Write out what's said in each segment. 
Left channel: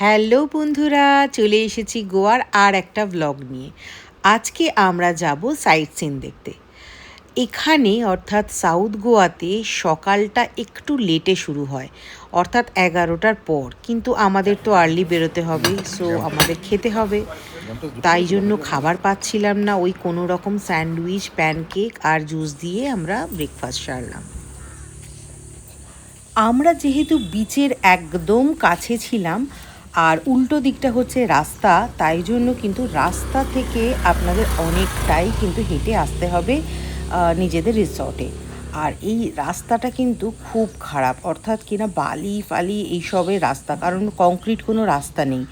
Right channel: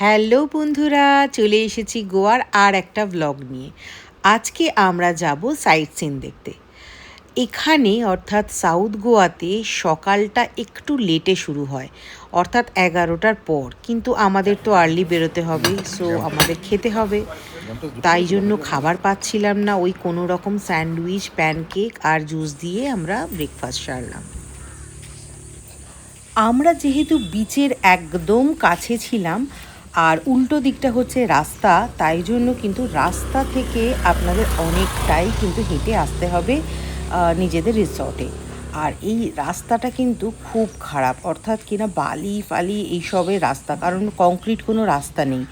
Hello বন্ধুরা, চলে এসেছি গোয়ার আর একটা ব্লগ নিয়ে। আজকে আমরা যাব সাইট সিন দেখতে। এখানে অর্থাৎ সাউথ গোয়াতে সকালটা একটু লেটে শুরু হয়, অর্থাৎ 11টার পর। কিন্তু আমাদের তো আর্লি বেরোতে হবে, সো আমাদের খেতে হবে। তাই জন্য খাবার পাচ্ছিলাম না, ওই কোনো রকম স্যান্ডউইচ, প্যানকেক আর জুস দিয়ে আমরা ব্রেকফাস্ট সারলাম। আমরা যেহেতু বিচের একদম কাছে ছিলাম আর উল্টো দিকটা হচ্ছে রাস্তা, তাই জন্য কিন্তু রাস্তা থেকে আপনাদের অনেকটাই কিন্তু হেঁটে আসতে হবে নিজেদের রিসর্টে। আর এই রাস্তাটা কিন্তু খুব খারাপ, অর্থাৎ কিনা বালি ফালি এইসবের রাস্তা, কারণ কংক্রিট কোনো রাস্তা নেই।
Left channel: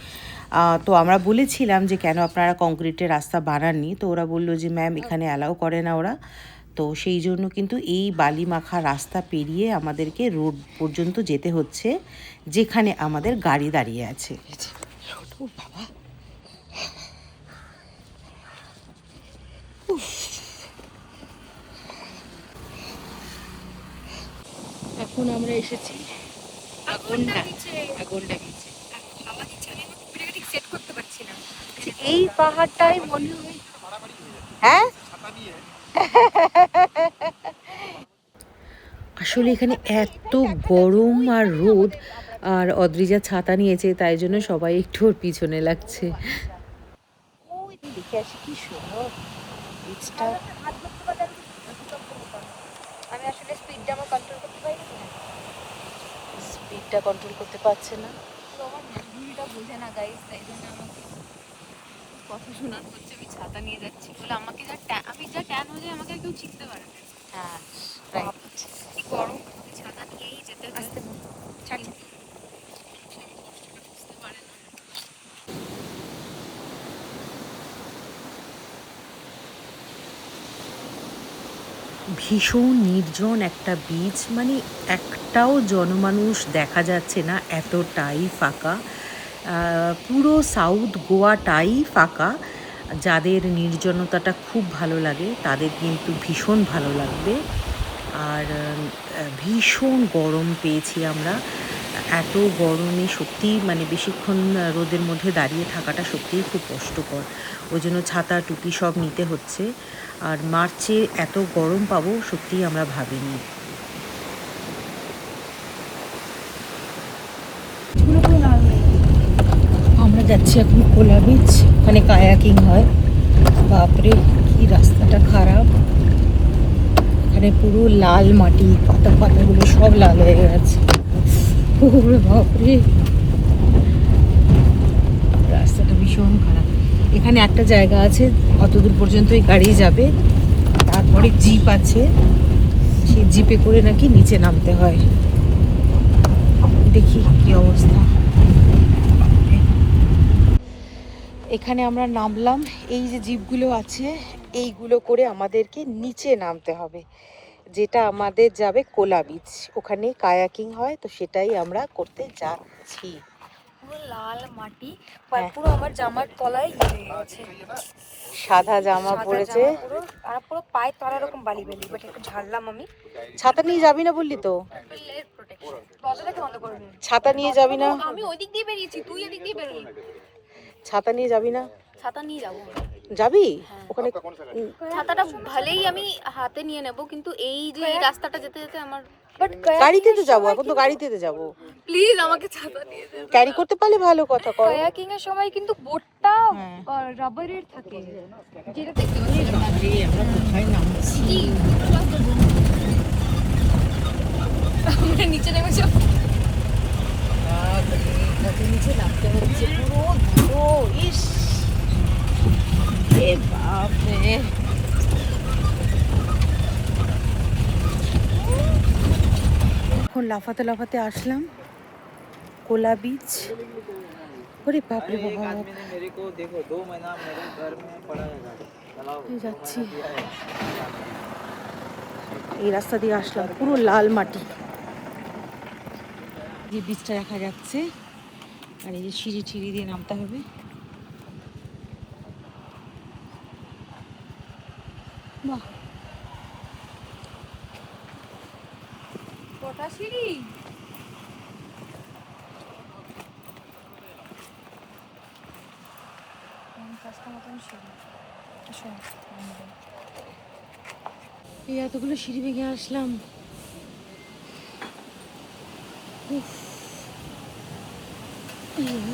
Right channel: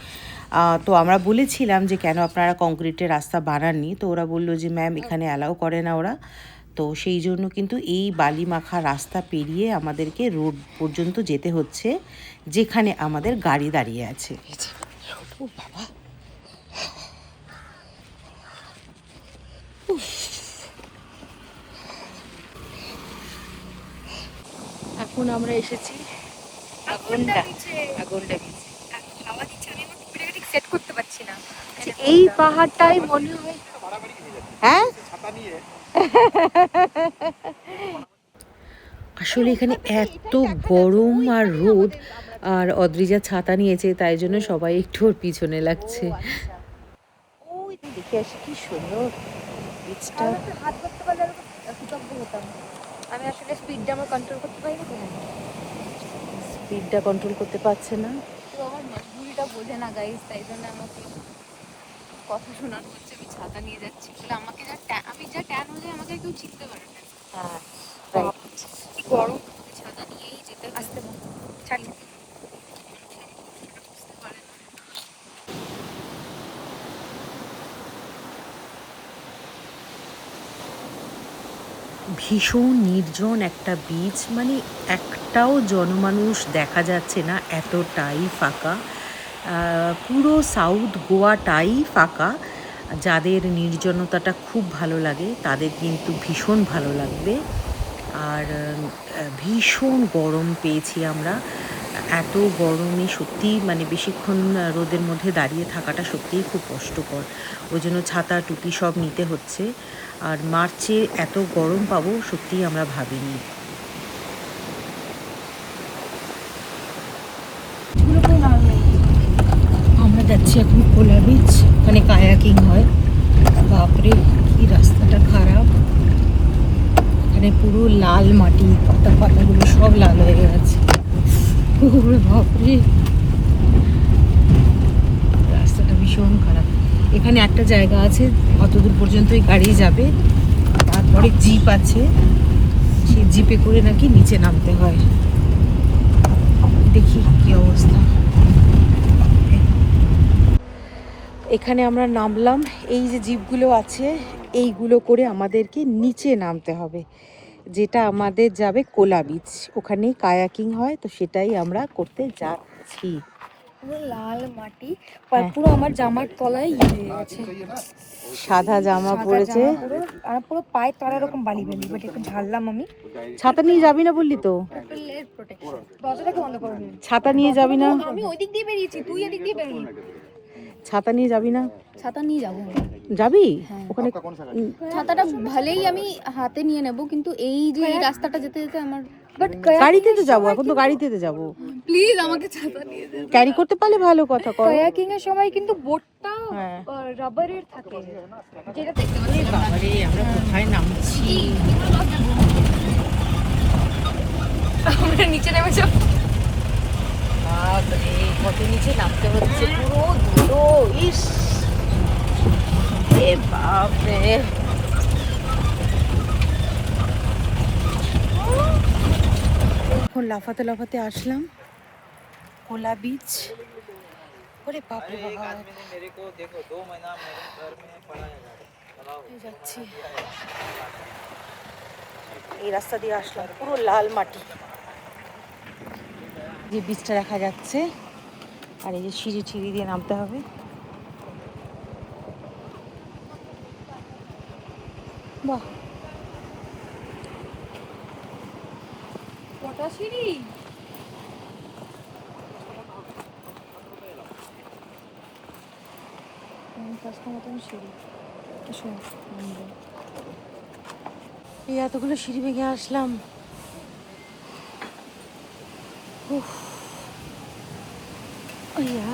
তো আমরা বলেছিলাম যে কেন আপনারা কংক্রিটের রাস্তা বানাননি, তো ওরা বললো যে ম্যাম এখানে অ্যালাউ করে না ওরা। তো সেই জন্য কিন্তু এই বালি মাখা রাস্তা পেরিয়ে আমাদেরকে রোড পর্যন্ত যেতে হচ্ছে, যেখানে আমাদের গাড়ি দাঁড়িয়ে আছে। ও বাবা, এখন আমরা এসেছি আগন্ডা বিচে। হাওয়া দিচ্ছে, আমি ভিডিওটা ঠিক সেট করতে পারছি না। এই পাহাড়টাই মনে হয়। হ্যাঁ, আসলে এখানে এত গরম আর রোদ, আর অদ্রিজা ছাতা নিয়েছে, তাই জন্য সবাই একটু ওর পিছনে লাগছে। দেখে আসি কি সুন্দর বিচটা। আমি আসলে স্পিডটা আমার কন্ট্রোল করতে পারি না। স্পিডটা কন্ট্রোল করতে পারছে না। ভূমিটা বোঝে না গাইস, তাই জন্য আমাকে কথা শোনানো হচ্ছে আমি ছাতা নিয়ে যাচ্ছি বলে। আমাকে আমি যা ট্যান হলে আমাকে আর কেউ চিনতে পারে না। হ্যাঁ, কি গরম, আমাকে ছাতা নিয়েই যেতে আসতে ছাড়ি। ভীষণ নির্জন একটা বিচ, মানে একটাও জনমানুষ দেখা যাচ্ছে না, এতটাই ফাঁকা। পুরো সাউথ গোয়াটাই ফাঁকা। যাদের নির্জনতাটা খুব ভালো লাগে তাদের কিন্তু ভীষণ ভালো লাগবে। আর ভীষণ গরম পেয়েছি আমরা। এত গরমে সত্যি মানে বেশিক্ষণ রোদের মধ্যে দাঁড়িয়ে থাকাটা সত্যিই খুব কষ্টকর। ওই জন্য ছাতা টুপি সব নিতে হচ্ছে। আর মার্চে এত গরম পাবো সত্যিই আমরা ভাবিনি। আমরা যাচ্ছি এখন কোলা বিচ, ওখানে কায়াকিং হয়। বাপরে কি রাস্তাটা খারাপ, এখানে পুরো লাল মাটি, পাতাগুলো সব লাল হয়ে গেছে। ওরে বাপরে, রাস্তাটা ভীষণ খারাপ। এখানে একটা জায়গা আছে, অতদূর পর্যন্তই গাড়ি যাবে, তারপরে জিপ আছে, সেই জিপে করে নাকি নিচে নামতে হয়। দেখি কি অবস্থা। এখানে আমরা নামলাম, এই যে জিপগুলো আছে এইগুলো করে আমাদেরকে নিচে নামতে হবে, যেটা আমাদের যাবে কোলা বিচ। ওখানেই কায়াকিং হয়, তো সেটাই আমরা করতে যাচ্ছি। পুরো লাল মাটি, পুরো আমার জামার তলায় হয়ে গেছে। সাদা জামা সাদা পরেছে। জামা পুরো, আর পুরো পায়ে তলা এরকম বালি বালি। বাট একটু ঝাড়লাম আমি। ছাতা নিয়ে যাবি না বললি তো? Triple layer protection. দরজাটাকে বন্ধ করে দিন। ছাতা নিয়ে যাবি না? আমি ওই দিক দিয়ে বেরিয়েছি, তুই এদিক দিয়ে বেরোলি। ছাতা নিয়ে যাবি না? ছাতা নিয়ে যাবো। যাবি? হ্যাঁ, ছাতাটা ভালেই আমি হাতে নিয়ে নেব, কিন্তু এই যে এই রাস্তাটা যেতে যেতে আমার গাড়িতে তো যাবো, এখন তো গাড়িতে যাবো। প্লিজ আমাকে ছাতা দিয়ে দে। ক্যারি করতে পারলে ভালো কথা। কায়াকিং এর সময় কিন্তু বোটটা রাবারের থাকে, যেটাতে আমরা কোথায় নামছি? আমরা নিচে নেমে যাব। বাপরে, কত নিচে নামতে হচ্ছে, পুরো ধুলো। ইস, এ বাপরে। এখন লাফাতে লাফাতে আসলাম কোলা বিচ। ওরে বাপরে বাবা, যাচ্ছি এই রাস্তা দিয়ে আসলাম, পুরো লাল মাটি, যে বিচটা দেখা যাচ্ছে। আর এই যে সিঁড়ি ছিঁড়ি দিয়ে নামতে হবে। বাহ, কটা সিঁড়ি! রাস্তার মতন সিঁড়ি শোন এই এতগুলো সিঁড়ি ভেঙে আসলাম। উফ, আইয়া।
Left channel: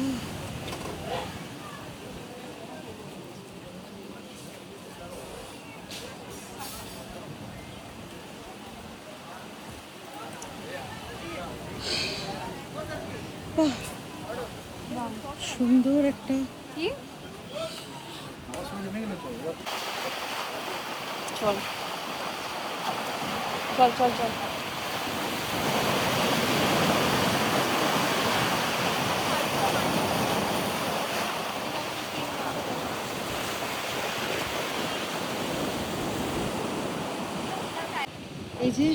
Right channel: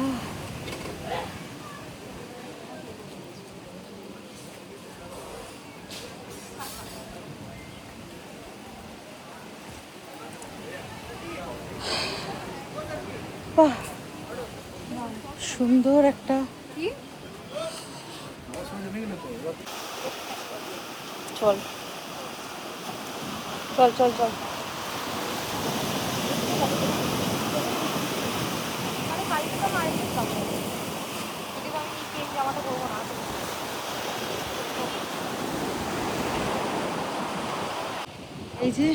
বাহ, সুন্দর একটা কি চল চল চল চল। এই যে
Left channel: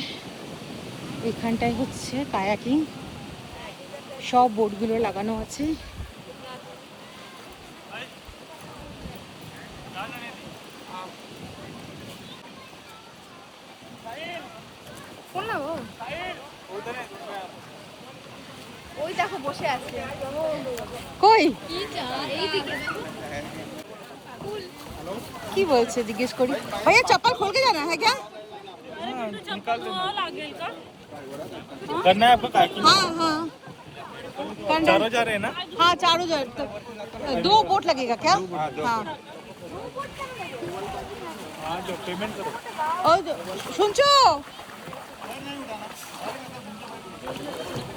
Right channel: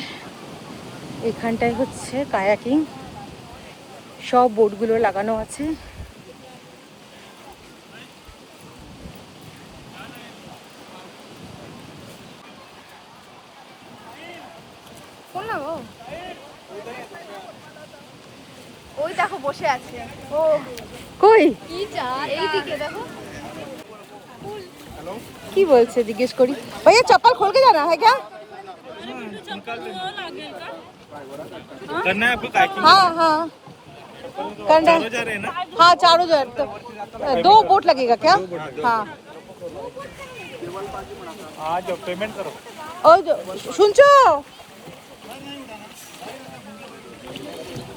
এখানটায় হচ্ছে কায়াকিং, সব বোর্ডগুলো লাগানো আছে। বললাম ওই দেখো বসে আছে ও কই কি এইদিকে দেখো কি বলছে জিজ্ঞেস করি। ভাইয়া চপ্পল खोल के जाना है क्या? करना है आपको काइकिंग? हाँ हाँ करना। चारों जा रहे हैं ना? हाँ चारों जो है तो 2 बोट लगेगा क्या? हाँ हाँ जो पेमेंट करो। और जो শুনছো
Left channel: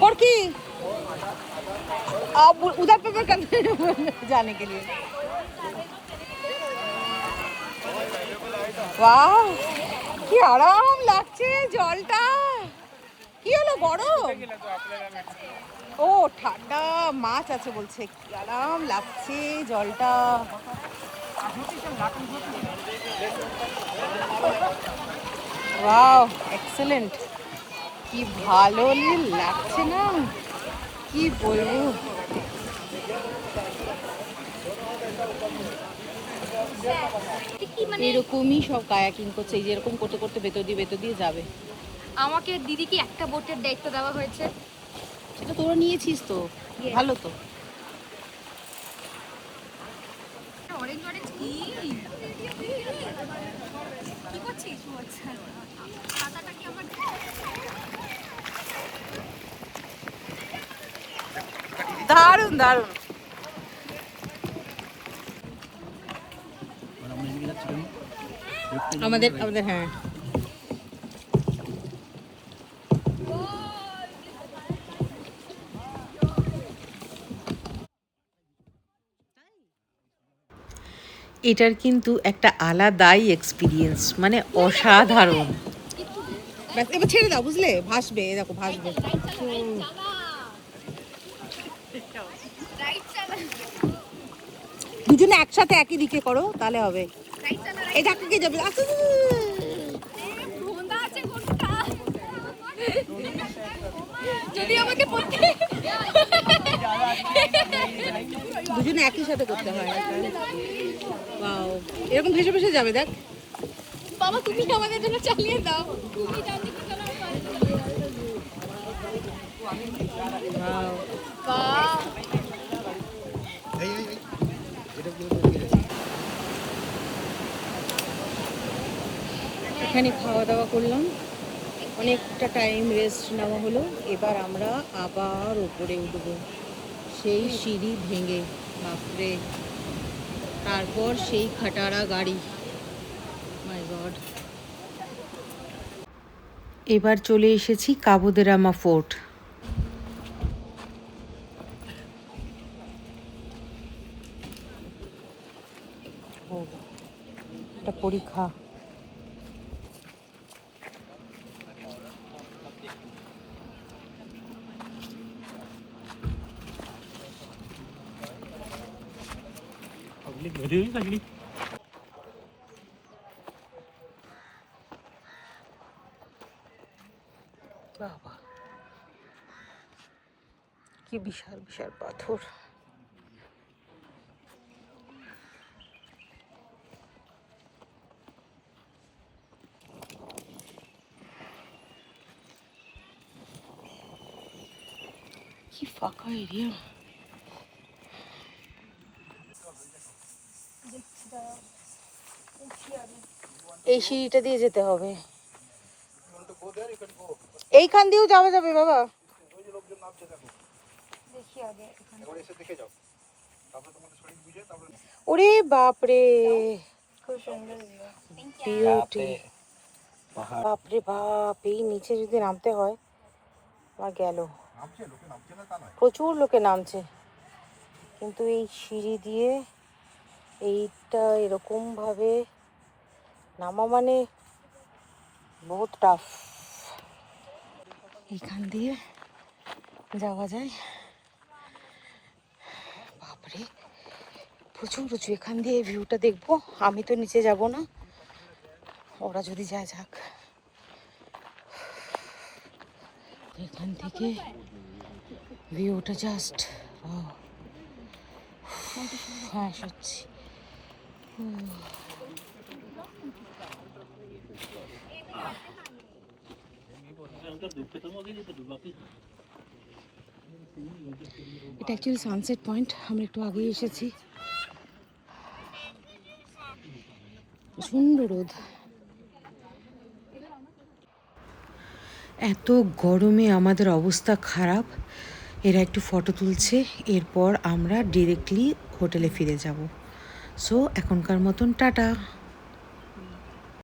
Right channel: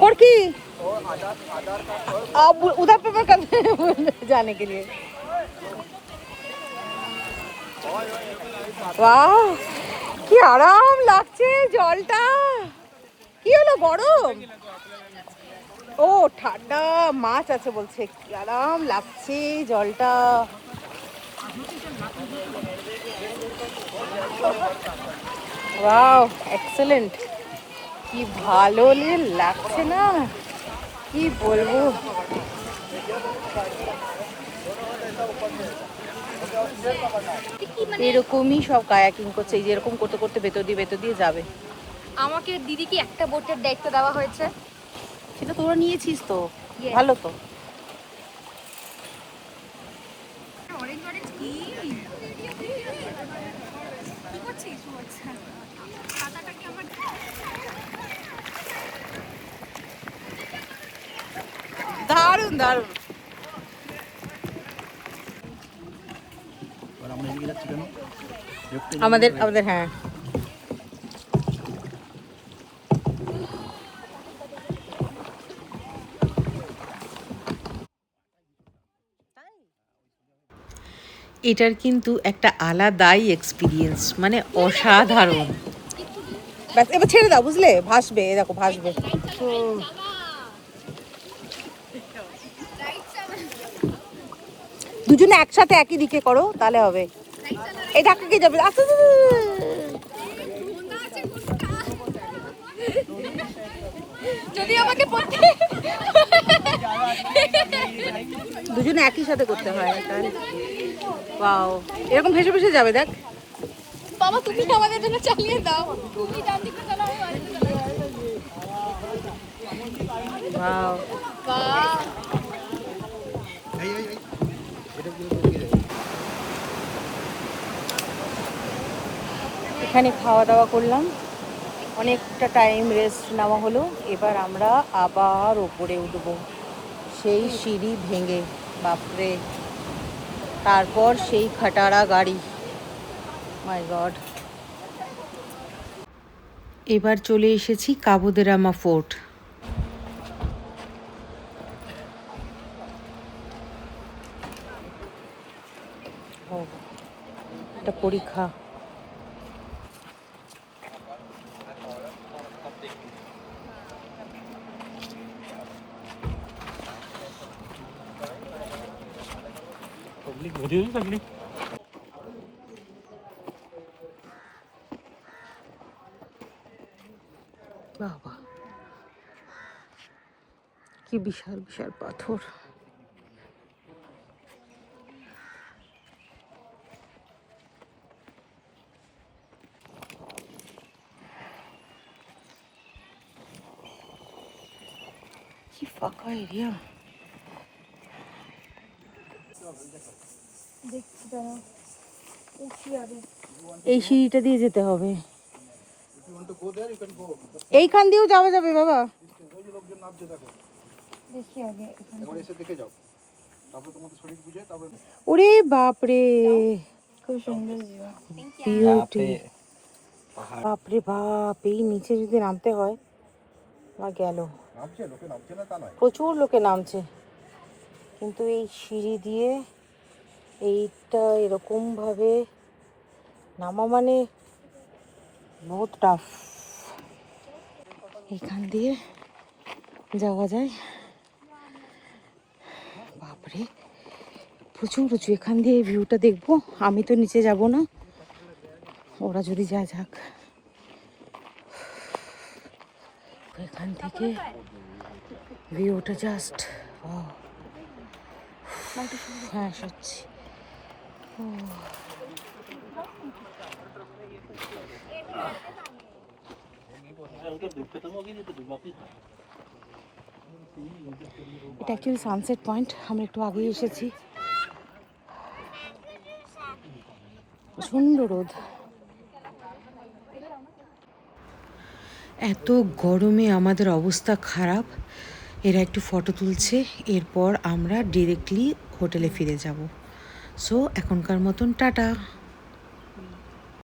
और की अब उधर पर कर जाने के लिए। वाह কি আরাম লাগছে জলটা। কি হলো গরম? ও ঠান্ডা মাছ আছে বলছে, কি আরাম লাগছে জলটা। ওয়াও এক্সেলেন্ট, কি ভালো লাগছে না, কি বলবো। এরকমই সব কায়াকিং করছে, এই যে এরকম করতে করতে ভেতর দিয়ে যাবে। আমাকে দিদিকে একটা বোটের দায়িত্ব দেওয়া হয়েছে, সেটা তোরা নিয়েছিস তো, Yes. ভালো তো। অরেঞ্জ অরেঞ্জ কি কি করছিস? ও আচ্ছা ছাতাটা কি আমার দারুণ দারুণ। আমাদের আমাদের হ্যাঁ এটার কিন্তু একটা আলাদাই এক্সপিরিয়েন্স, মানে অসাধারণ। ব্যাস এবার ছেড়ে দাও, বুঝলে ভাসবে, এই দেখো ভাসবে। রাইট চালা দুজনে একসাথে একই দিকে করো তাহলে হবে। রাইট চালা এই ধাক্কা কে যাবে? আস্তে আস্তে আস্তে। ধোঁদা আছে কোনটা যদি আমাকে পড়তে দুজনে একই সাথে করতে হয়। ওয়াও এরকম ভেসে ভেসে যাবে দেখ। বাবা তুমি আমাদের জন্য চালিয়ে দাও, তুমি ডান দিকে চালাও ওয়াও বাহ এখানে খাওয়া দাওয়া করলাম, অনেকটা টাইম রেস্ট নেওয়া হলো। এবার আমরা আবার ওপরে উঠবো সেই সিঁড়ি ভেঙে, বাপরে। তারপর সেই খাটারা গাড়ি, মাই গড। এবার চলে এসেছি কাবো দে রামা ফোর্ট। এটা পরীক্ষা। पब्लिक भरी हुई सगळी। বাবা কি বিশাল বিশাল পাথর। কি ফাঁকা এরিয়া। দেখছি দাঁড়াও, উঠি আগে। এই সিঁড়িটা দিয়ে যেতে হবে। এইখান দিয়েও যাওয়া যাবে বাবা। দেখি আগে এখানে। ওরে বাপরে, খুব সুন্দর ভিউ। বাপরে বাপ, এই নিচে যদি নামতে হয় আমার গেল। প্রচুর লোকে নামছে, কিন্তু এই সিঁড়ি দিয়ে এইটা এরকম ভাবে নামা মানে বহুত টাফ। এখান দিয়ে যাওয়া যায়। বাপরে প্রচুর উঁচু, এখান দিয়ে ভিউটা দেখবো। আমি তো নিচে যাব না, ওরা যদি যায় যাক। এখান থেকে ভিউটা জাস্ট হ্যাঁ সত্যি। এটা অ্যাকচুয়ালি সানসেট পয়েন্ট, আমি একটু আগেই এসেছি। প্রচণ্ড রোদ। এত গরমে আমাদের অবস্থা খারাপ। এরা একটু ফটো তুলছে, এরপর আমরা ডিরেক্টলি হোটেলে ফিরে যাব। সো এখনকার মতন টাটা।